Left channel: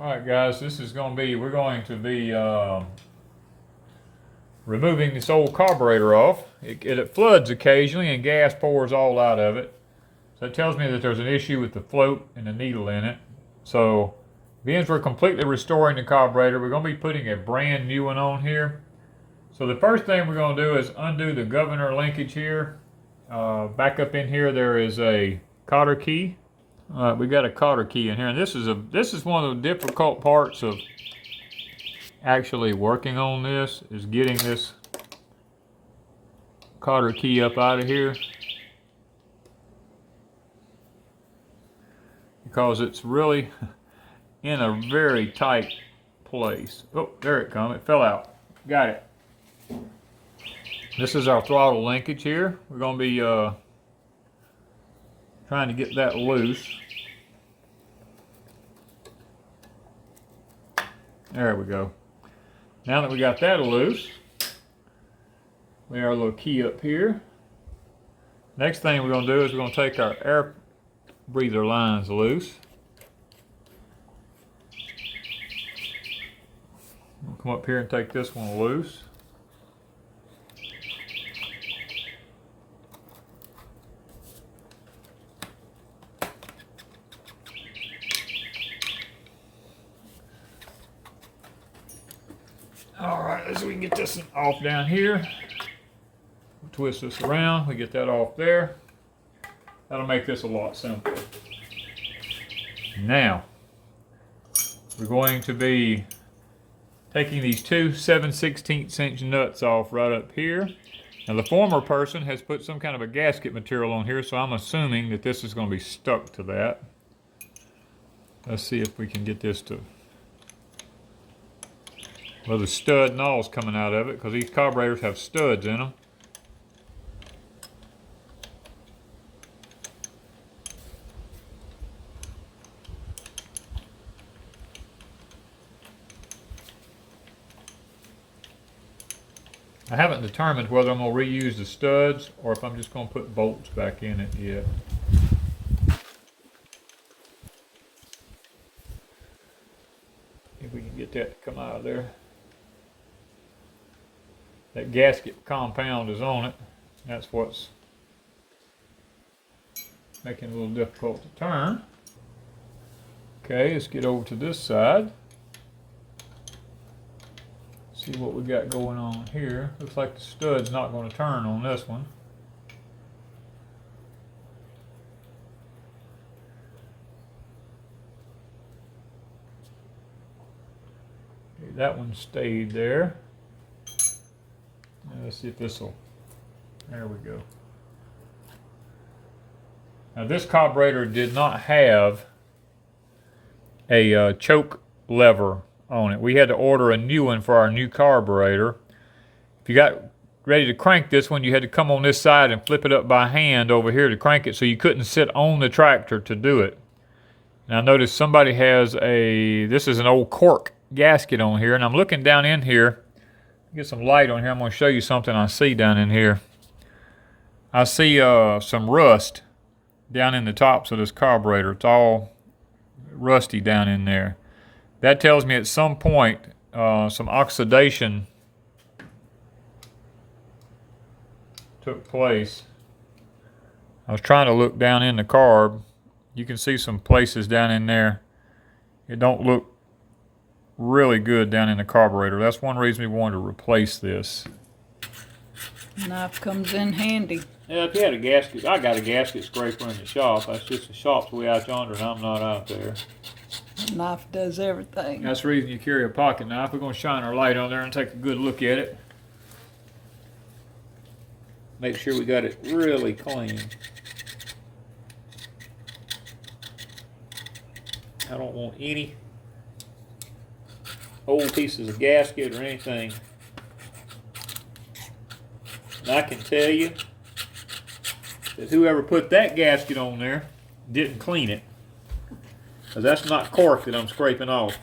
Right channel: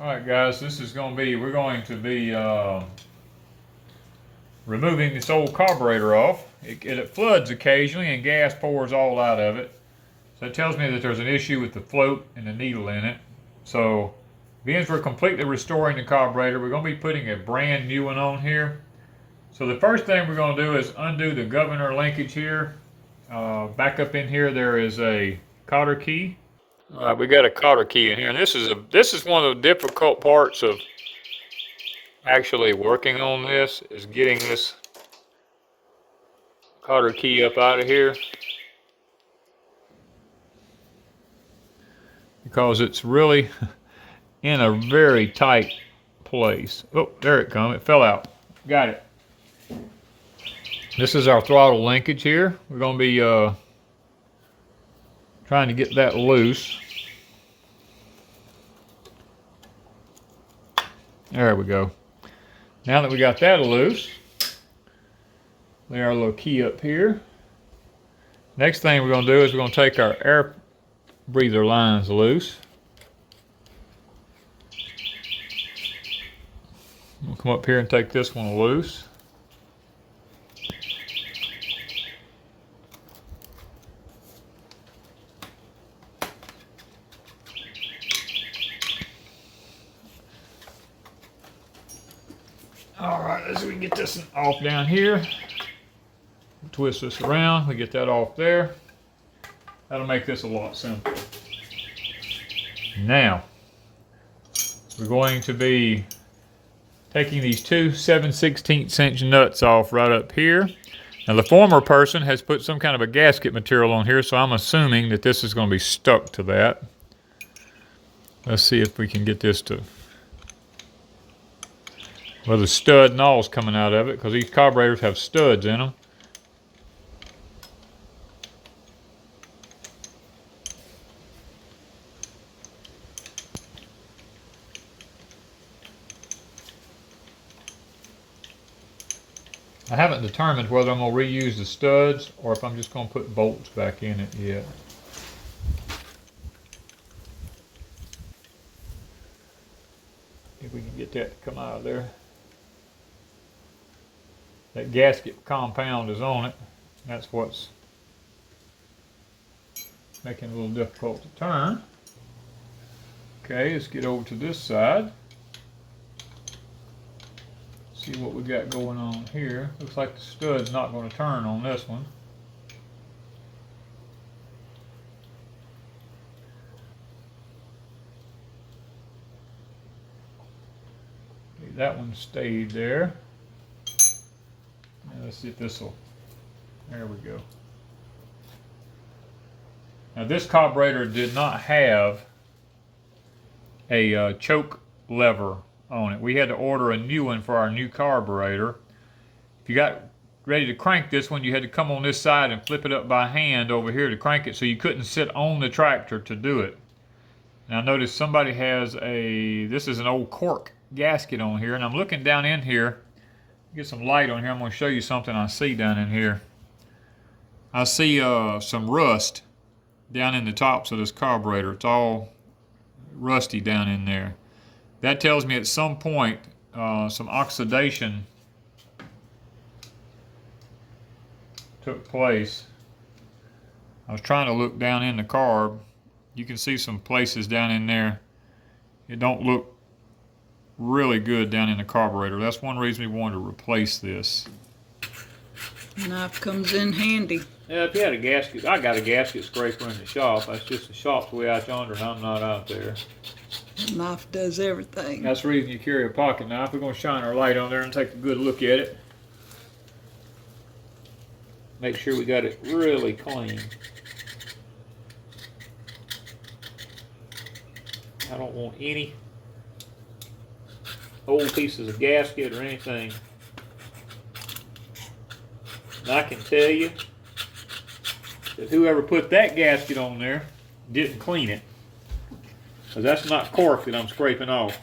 Alright guys, this is going to be, we're going to be removing this old carburetor off. It floods occasionally and gas pours all out of it. So it tells me that there's an issue with the float and the needle in it. So being we're completely restoring the carburetor, we're going to be putting a brand new one on here. So the first thing we're going to do is undo the governor linkage here. Back up in here there is a cotter key. We got a cotter key in here, and this is one of the difficult parts of actually working on this, is getting this cotter key up out of here, because it's really in a very tight place. Oh, there it comes. It fell out. Got it. This is our throttle linkage here. We're going to be trying to get that loose. There we go. Now that we got that loose, lay our little key up here. Next thing we're going to do is we're going to take our air breather lines loose. We'll come up here and take this one loose. Alright, let's see if we can get this off down here. Twist this around, we get that off there. That'll make this a lot simpler. Now, we're going to be taking these two 7/16 inch nuts off right up here. Now the former person has put some kind of a gasket material on here, so I'm assuming that this is going to be stuck to that. Let's see if we can get this to, well, the stud and all's coming out of it, because these carburetors have studs in them. I haven't determined whether I'm going to reuse the studs or if I'm just going to put bolts back in it yet. If we can get that to come out of there. That gasket compound is on it. That's what's making it a little difficult to turn. Okay, let's get over to this side. See what we got going on here. Looks like the stud's not going to turn on this one. Okay, that one stayed there. Let's see if this will, there we go. Now this carburetor did not have a choke lever on it. We had to order a new one for our new carburetor. If you got ready to crank this one, you had to come on this side and flip it up by hand over here to crank it, so you couldn't sit on the tractor to do it. Now notice somebody has this is an old cork gasket on here, and I'm looking down in here. Get some light on here. I'm going to show you something I see down in here. I see some rust down in the tops of this carburetor. It's all rusty down in there. That tells me at some point some oxidation took place. I was trying to look down in the carb. You can see some places down in there. It don't look really good down in the carburetor. That's one reason we wanted to replace this. Knife comes in handy. Yeah, if you had a gasket, I got a gasket scraper in the shop. That's just the shop's way out yonder and I'm not out there. Knife does everything. That's the reason you carry a pocket knife. We're going to shine our light on there and take a good look at it. Make sure we got it really clean. I don't want any old pieces of gasket or anything. And I can tell you that whoever put that gasket on there didn't clean it. Because that's not cork that I'm scraping off.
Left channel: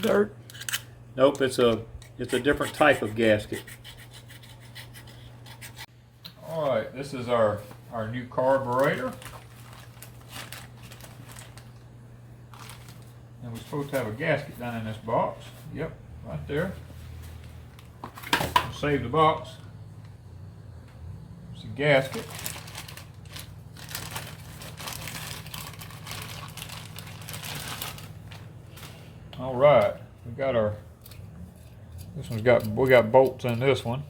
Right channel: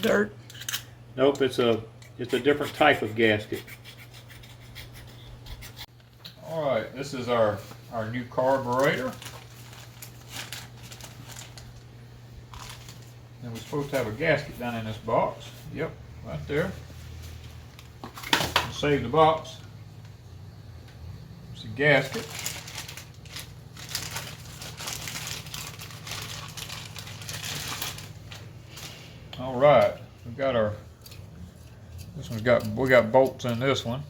Dirt. Nope, it's a different type of gasket. Alright, this is our new carburetor. And we're supposed to have a gasket down in this box. Yep, right there. We'll save the box. It's a gasket. All right, we got our. This one's we got bolts in this one.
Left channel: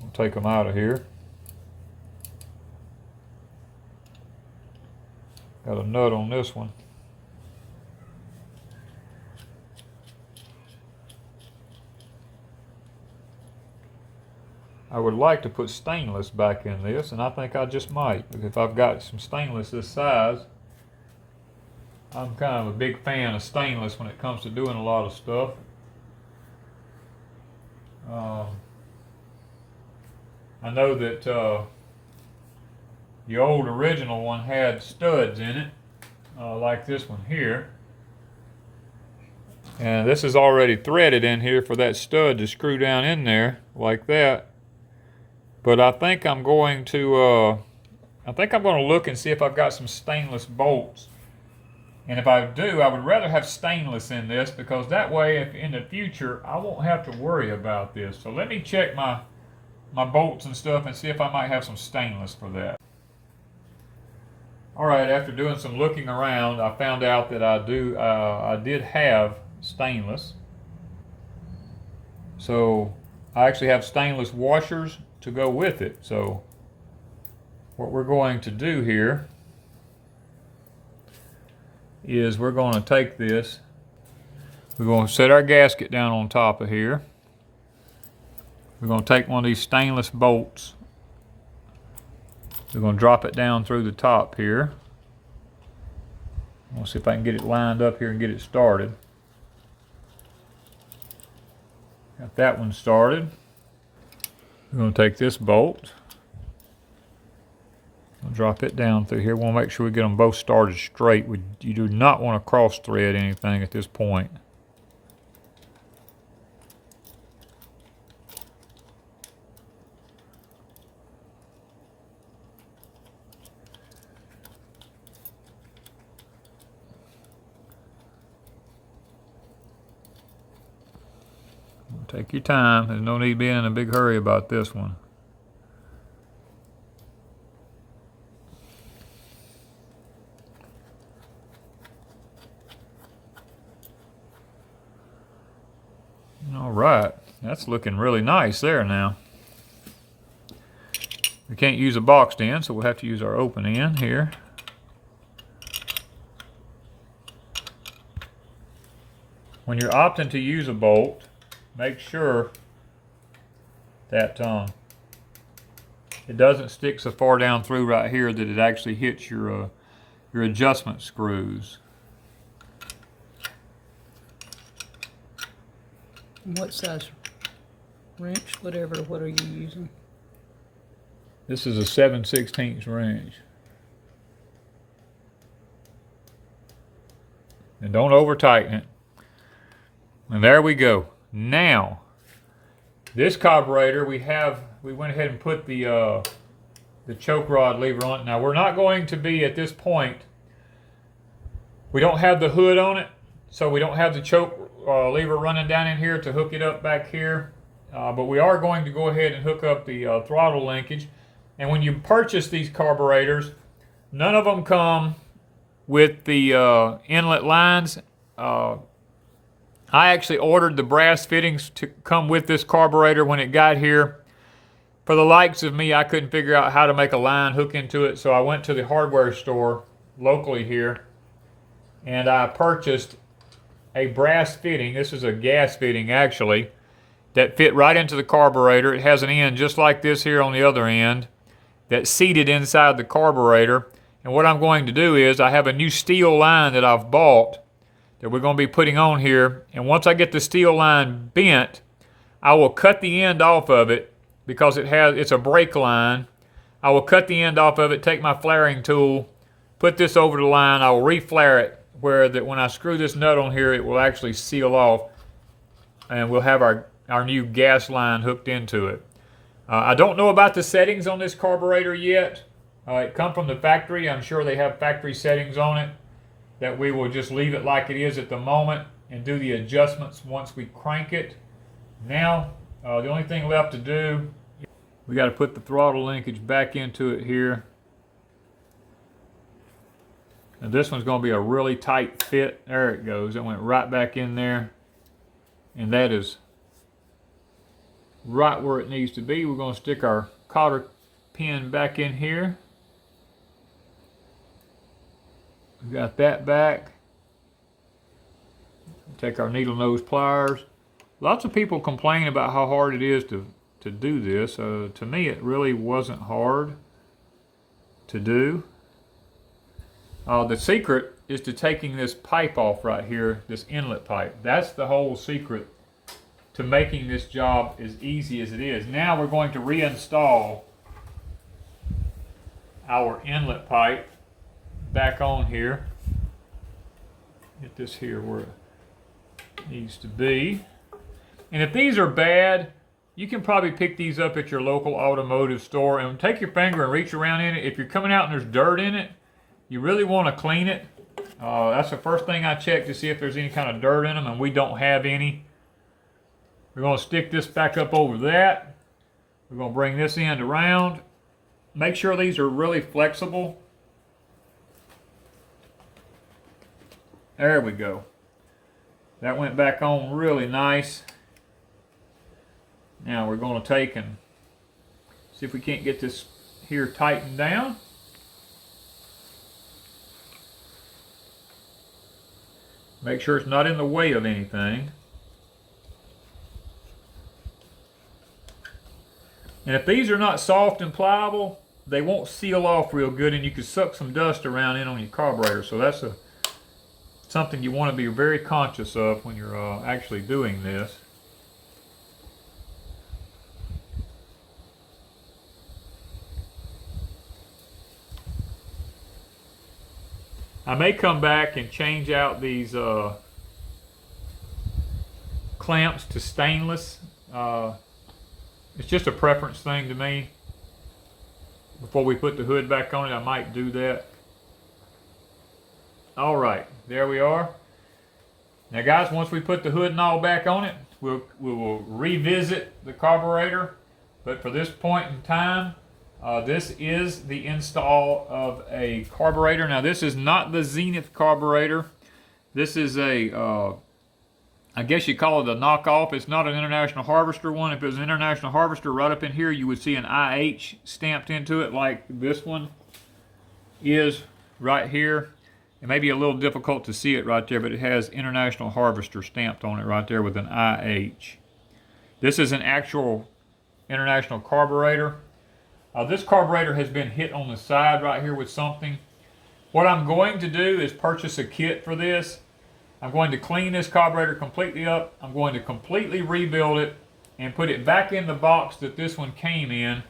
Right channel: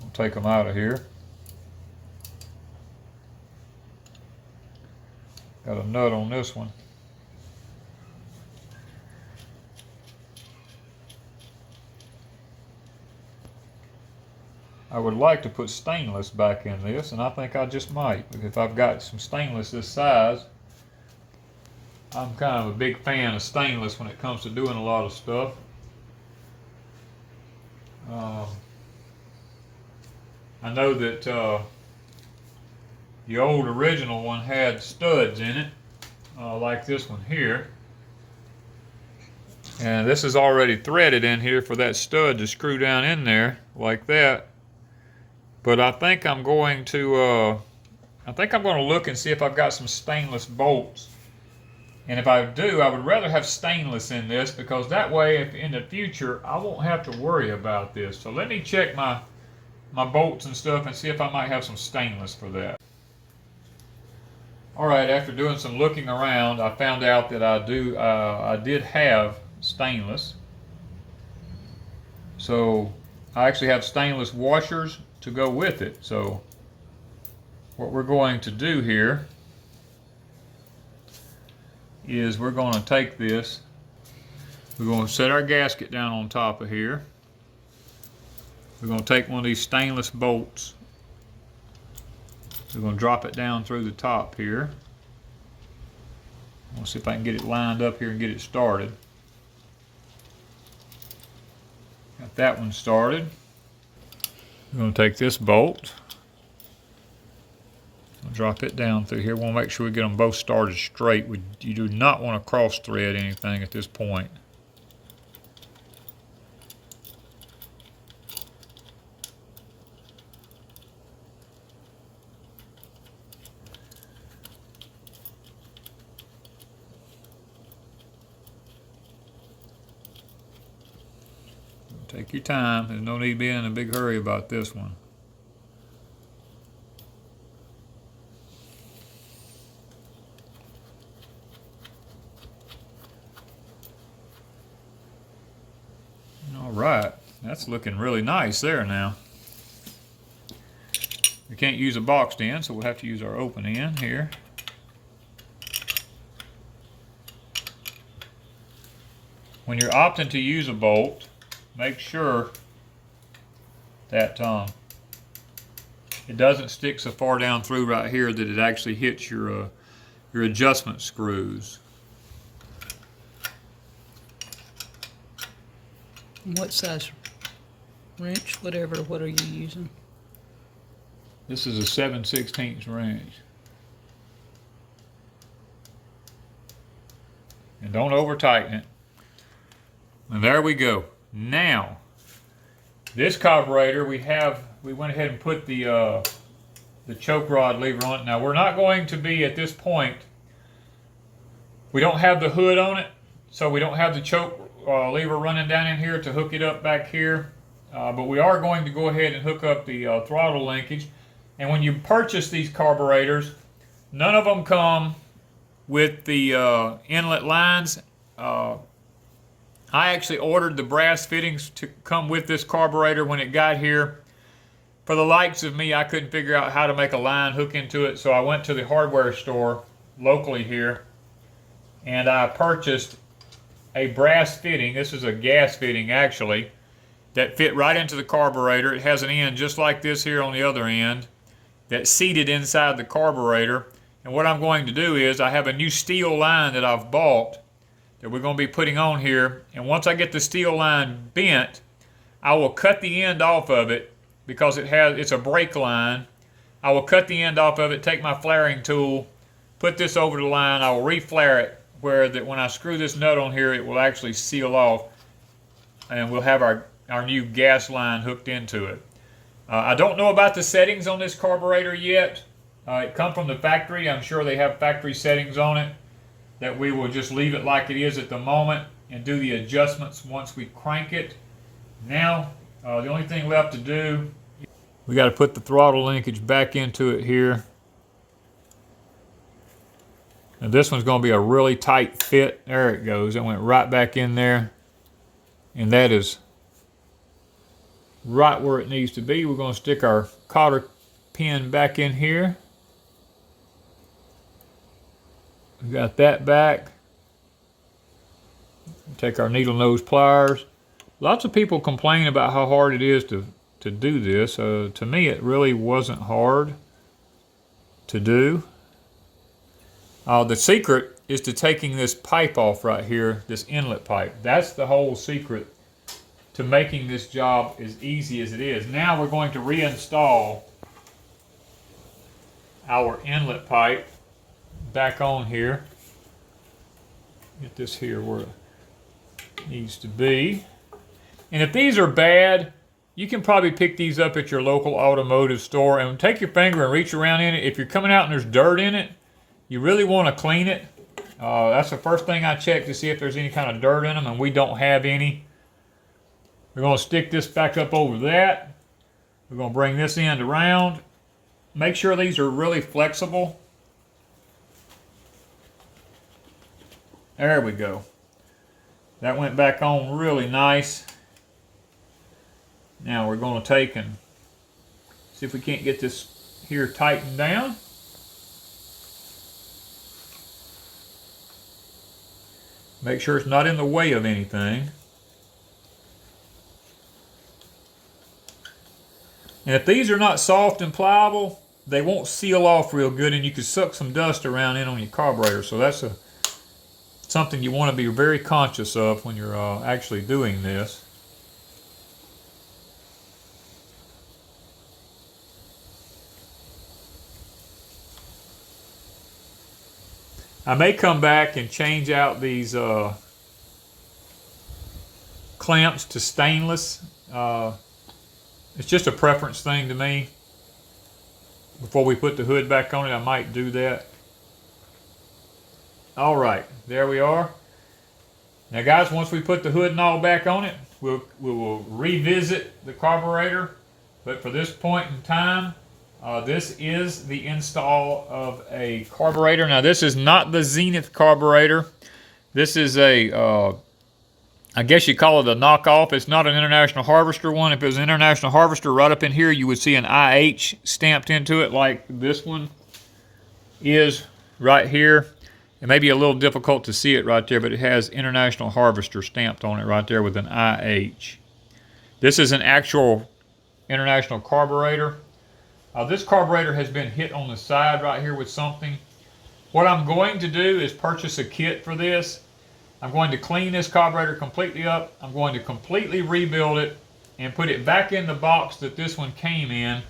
We'll take them out of here. Got a nut on this one. I would like to put stainless back in this, and I think I just might. If I've got some stainless this size, I'm kind of a big fan of stainless when it comes to doing a lot of stuff. I know that the old original one had studs in it, like this one here. And this is already threaded in here for that stud to screw down in there like that. But I think I'm going to look and see if I've got some stainless bolts. And if I do, I would rather have stainless in this, because that way, if in the future, I won't have to worry about this. So let me check my bolts and stuff and see if I might have some stainless for that. All right, after doing some looking around, I found out that I did have stainless. So I actually have stainless washers to go with it. So what we're going to do here is we're going to take this, we're going to set our gasket down on top of here. We're going to take one of these stainless bolts. We're going to drop it down through the top here. I'll see if I can get it lined up here and get it started. Got that one started. We're going to take this bolt. I'll drop it down through here. We want to make sure we get them both started straight. You do not want to cross thread anything at this point. Take your time. There's no need being in a big hurry about this one. All right, that's looking really nice there now. We can't use a boxed end, so we'll have to use our open end here. When you're opting to use a bolt, make sure that it doesn't stick so far down through right here that it actually hits your adjustment screws. What size wrench, whatever, what are you using? This is a 7/16 wrench. And don't over tighten it. And there we go. Now, this carburetor, we went ahead and put the choke rod lever on it. Now, we're not going to be at this point, we don't have the hood on it, so we don't have the choke lever running down in here to hook it up back here. But we are going to go ahead and hook up the throttle linkage. And when you purchase these carburetors, none of them come with the inlet lines. I actually ordered the brass fittings to come with this carburetor when it got here. For the likes of me, I couldn't figure out how to make a line hook into it, so I went to the hardware store locally here, and I purchased a brass fitting. This is a gas fitting, actually, that fit right into the carburetor. It has an end just like this here on the other end that's seated inside the carburetor. And what I'm going to do is, I have a new steel line that I've bought that we're going to be putting on here, and once I get the steel line bent, I will cut the end off of it, because it's a brake line. I will cut the end off of it, take my flaring tool, put this over the line. I will re-flare it where that when I screw this nut on here, it will actually seal off, and we'll have our new gas line hooked into it. I don't know about the settings on this carburetor yet. It come from the factory. I'm sure they have factory settings on it that we will just leave it like it is at the moment and do the adjustments once we crank it. Now, the only thing left to do, we got to put the throttle linkage back into it here. And this one's going to be a really tight fit. There it goes. It went right back in there. And that is right where it needs to be. We're going to stick our cotter pin back in here. We got that back. Take our needle nose pliers. Lots of people complain about how hard it is to do this. To me, it really wasn't hard to do. The secret is to taking this pipe off right here, this inlet pipe. That's the whole secret to making this job as easy as it is. Now we're going to reinstall our inlet pipe back on here. Get this here where it needs to be. And if these are bad, you can probably pick these up at your local automotive store and take your finger and reach around in it. If you're coming out and there's dirt in it, you really want to clean it. That's the first thing I check to see if there's any kind of dirt in them, and we don't have any. We're going to stick this back up over that. We're going to bring this end around. Make sure these are really flexible. There we go. That went back on really nice. Now we're going to take and see if we can't get this here tightened down. Make sure it's not in the way of anything. And if these are not soft and pliable, they won't seal off real good, and you can suck some dust around in on your carburetor. So that's something you want to be very conscious of when you're actually doing this. I may come back and change out these clamps to stainless. It's just a preference thing to me. Before we put the hood back on it, I might do that. All right, there we are. Now guys, once we put the hood and all back on it, we will revisit the carburetor. But for this point in time, this is the install of a carburetor. Now this is not the Zenith carburetor. This is a, I guess you call it a knockoff. It's not an International Harvester one. If it was an International Harvester, right up in here you would see an IH stamped into it like this one is right here. It may be a little difficult to see it right there, but it has International Harvester stamped on it right there with an IH. This is an actual International carburetor. This carburetor has been hit on the side right here with something. What I'm going to do is purchase a kit for this. I'm going to clean this carburetor completely up. I'm going to completely rebuild it and put it back in the box that this one came in,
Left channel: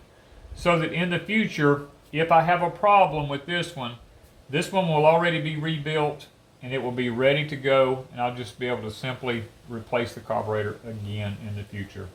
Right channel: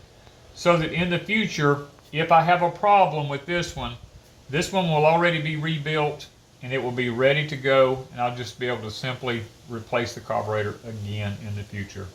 so that in the future, if I have a problem with this one will already be rebuilt and it will be ready to go, and I'll just be able to simply replace the carburetor again in the future.